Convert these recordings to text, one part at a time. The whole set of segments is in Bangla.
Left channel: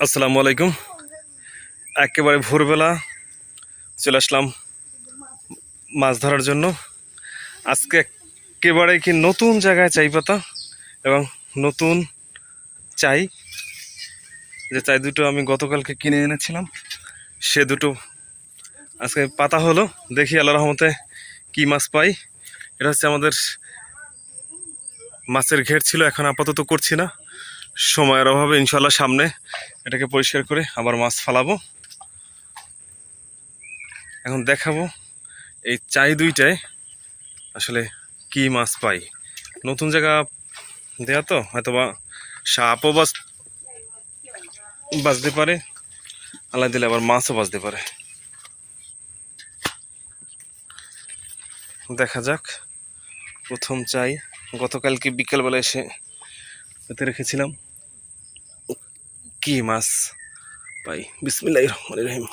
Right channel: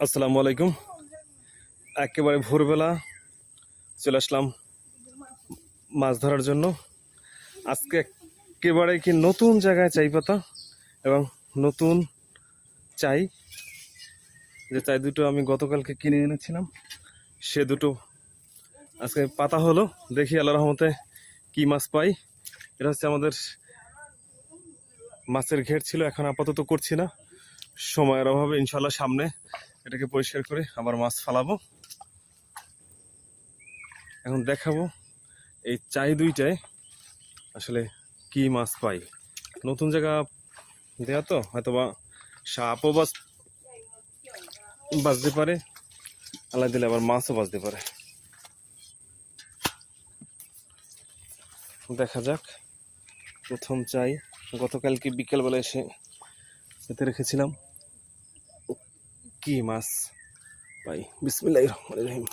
আসসালামু আলাইকুম। একেবারে ভোরবেলা চলে আসলাম মাছ ধরার জন্য। আজকে একেবারে কি নতুন জায়গায় চাই পাতা এবং নতুন চাই, যে চাই দুটো আমি গতকালকে কিনে এনেছিলাম, সে দুটো আজকে পাতা হলো। দেখি আল্লাহ রহমতে কি মাছ পাই। এটা হচ্ছে আমাদের মাছের ঘের ছিল, এখন আপাতত করছি না, সময়ের অভাবে। ইনশাল্লাহ সামনে এটাকে পরিষ্কার করে আবার মাছ ফালাবো। এখন দেখাবো এই চাই দুইটায় আসলে কি মাছ পাই। নতুন জায়গা দেয়া তো হয়তো বা সাপও বাঁচতে পারে, আল্লাহ দিলে আবার মাছও বাঁচতে পারে। দেখা যাক। প্রথম চাই গতকালকে বিকেলবেলা এসে পেতে রেখেছিলাম, কি মাছ পাই। বিসমিল্লাহির রহমানির রহিম।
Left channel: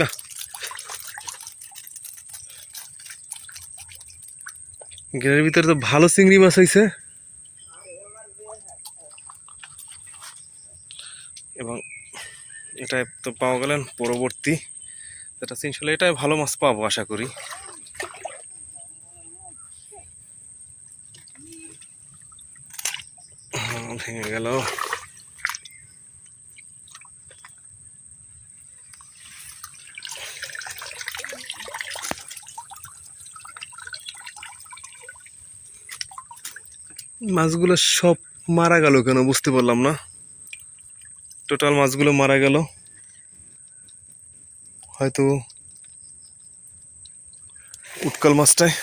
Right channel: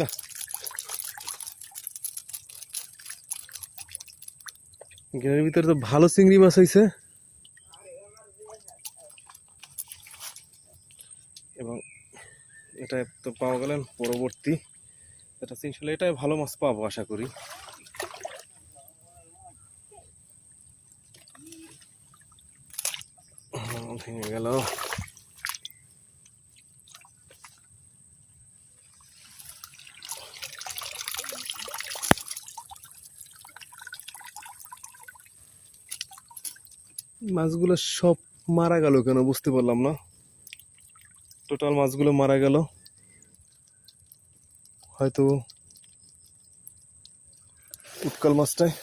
না, ঘেরের ভিতরে তো ভালো চিংড়ি মাছ হয়েছে এবং এটা তো পাওয়া গেলেন পরবর্তী যেটা ইনশাল্লাহ এটাই ভালো মাছ পাবো আশা করি। ভেঙে গেল। মাছগুলো সব মারা গেল কেন বুঝতে পারলাম না। টোটাল মাছগুলো মারা গেল, হয়তো উৎকাল মাছটায়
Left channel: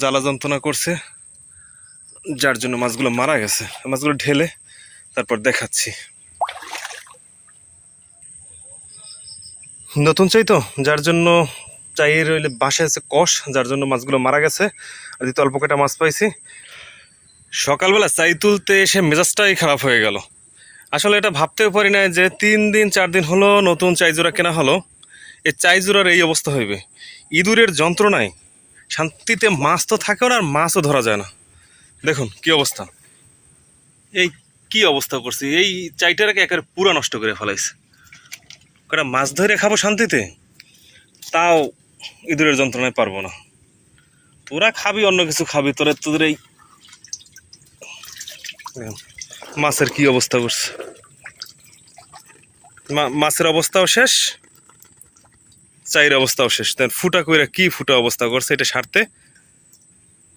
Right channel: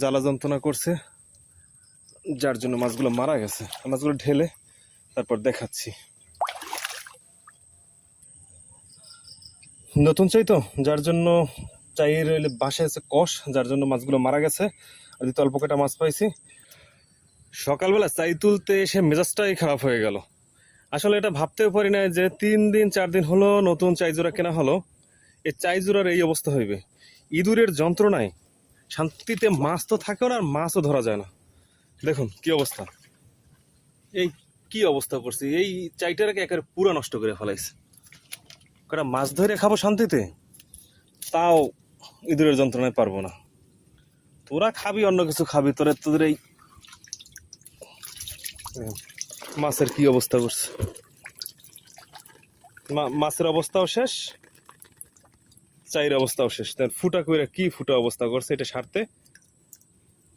জ্বালা যন্ত্রণা করছে, যার জন্য মাছগুলো মারা গেছে। মাছগুলো ঢেলে তারপর দেখাচ্ছি। নতুন চাই তো, যার জন্য চাই রইলে বাসায় আছে কষ, যার জন্য মাছগুলো মারা গেছে। আর দিতে অল্প কটা মাছ পাইছি। সকালবেলা চাই তুলতে এসে মেজাজটাই খারাপ হয়ে গেল। আসলে এটা ভাবতেও পারি না যে 3 দিন 4 দিন হলো নতুন চাই জোড়া কেনা হলো, এই চাই জোড়ার এই অবস্থা হইবে। ইঁদুরের যন্ত্রণায় শান্তিতে মাছ তো থাকেও না, আর মাছও ধরা যায় না। দেখুন কি অবস্থা, এই কি অবস্থা করছি। এই চাইটাকে একেবারে পুরা নষ্ট করে ফেলাইছে। কটা মাছ ধরে খাবো শান্তিতে, তাও ইঁদুরের যন্ত্রণায় পারবো না। তোরা খাবি অন্য কিছু খাবি, তোদের এই মাছের কি অবস্থা করছে। মাছের অবস্থাও শেষ, চাইর অবস্থাও শেষ। ফুটা কইরা কি ফুটা অবস্থা করছে, এটা সারতে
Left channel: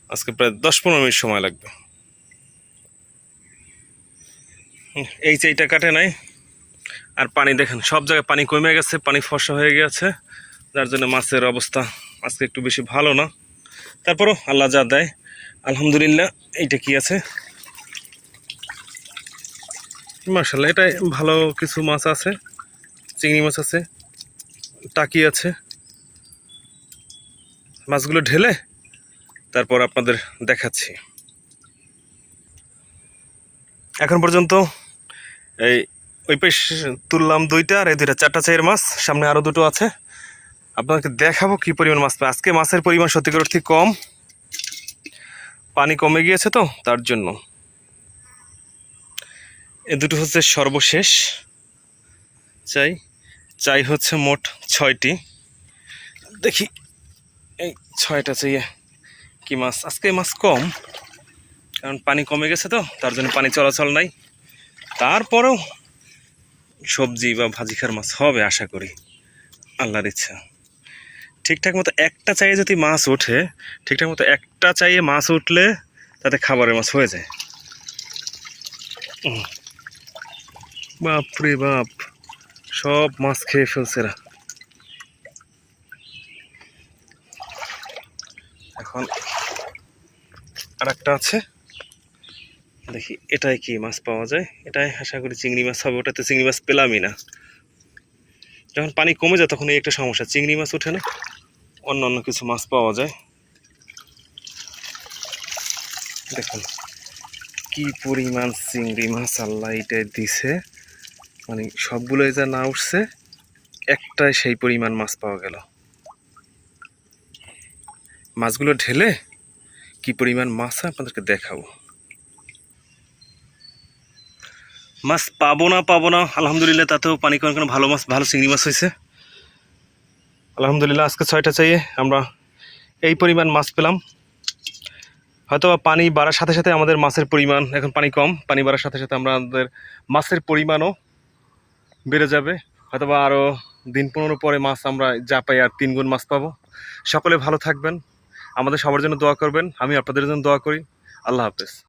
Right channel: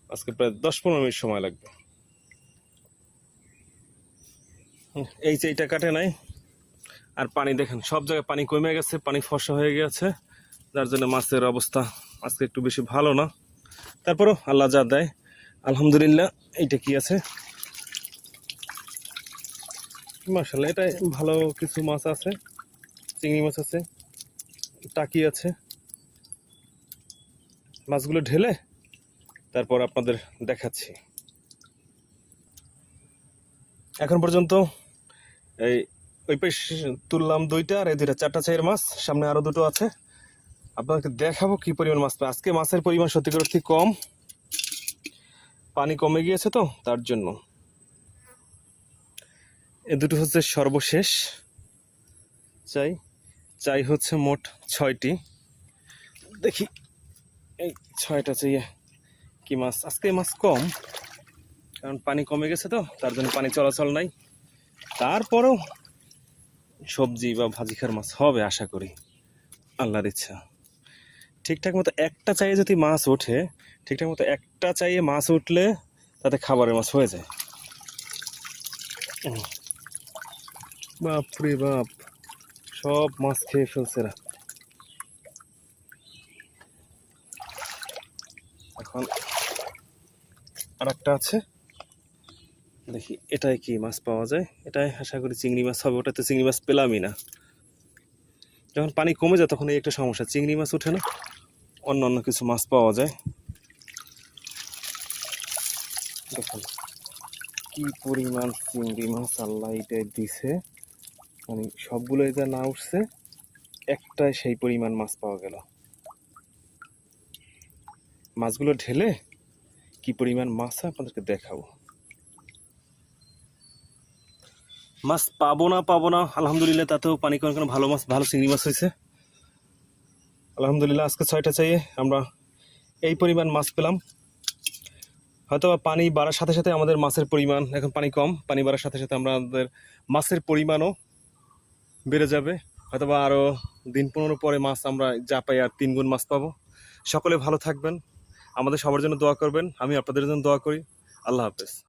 আজকে প্রায় 10-15 মিনিট সময় লাগবে। এই চাইটা কাটে নাই। আর পানি দেখেন, সব জায়গায় পানি কমে গেছে, পানি ফর্সা হয়ে গেছে, যার জন্য মাছের অবস্থা আজকে একটু বেশি ভালো না। তারপরও আল্লাহ যা দেয় আলহামদুলিল্লাহ। এইটা কি আছে, মাশাআল্লাহ, এটাই ভালো কিছু মাছ আছে। চিংড়ি মাছ আছে, টাকি আছে। মাছগুলো ঢেলে তারপর আপনাদের দেখাচ্ছি। এখন পর্যন্ত এই ওই পাশ তুললাম 2টা, আর এই 2টা 4টা চাইয়ের মাছ, সামনে আরও 2টো আছে। আপনাকে দেখাবো কি পরিমাণ মাছ পাই। আজকে মাছের পরিমাণ সত্যিকার অর্থে কম, পানি কমে গিয়েছে তো তার জন্য। এই 2টো হচ্ছে সর্বশেষ চাই। চাই হচ্ছে মোট 6টি। দেখি এই 6টা চাইয়ে কি মাছ। আজকে মাছ কম, কারণ পানি কমে গেছে তো তার জন্য পানি চলাচল নাই। তারপরেও সবজি বা ভাজি খার মাছ হবে আশা করি, আল্লাহর ইচ্ছা। ঠিকঠাক মতো একটা চাইয়ে যদি মাছ ওঠে, ঠিকঠাক মতো একটা চাইয়ে মাছ উঠলে তাতে খাবারের মাছ হয়ে যায়। বাপ রে বাপ, সব মাছ খেয়ে ফেলছে না। এখন আর একটা আছে, দেখি এটাই কি মাছ পাওয়া যায়। এটাই আশা করি চিংড়ি মাছ হবে। ওটাতে চিংড়ি মাছ পেলামই না। যখন পানি কমে যায় তখন এই একটা সমস্যা, চিংড়ি মাছ ওঠে না, অন্য অন্য কিছু মাছ পাওয়া যায়। দেখুন কি পরিমাণ চিংড়ি মাছ আল্লাহ এটাই দিছে, মানে সবগুলোই যা না উঠছে, একটাই সেই পরিমাণ মাছ পাওয়া গেল। মাছগুলো ঢেলে কি পরিমাণ মাছ হয় আপনাদেরকে দেখাবো। মাছ পাবো না আলহামদুলিল্লাহ, তাতেও পানি কোনো ভালো মাছ, ভালো চিংড়ি মাছ হয়েছে আলহামদুলিল্লাহ। আজকে 6টা চাইয়ে আমরা এই পরিমাণ মাছ পেলাম। হয়তো পানি বাড়ার সাথে সাথে আমাদের মাছের পরিমাণ, এখন পানি কম, পানি বাড়ার সাথে সাথে আমাদের মাছের পরিমাণও বেড়ে যাবে। হয়তোবা আরও দিন 15 পরে মাছ আমরা যা পাই আর 3 গুণ মাছ পাবো। সকলে ভালো থাকবেন, আমাদের সবার জন্য দোয়া করবেন, আমি আপনাদের জন্য দোয়া করি। আল্লাহ হাফেজ।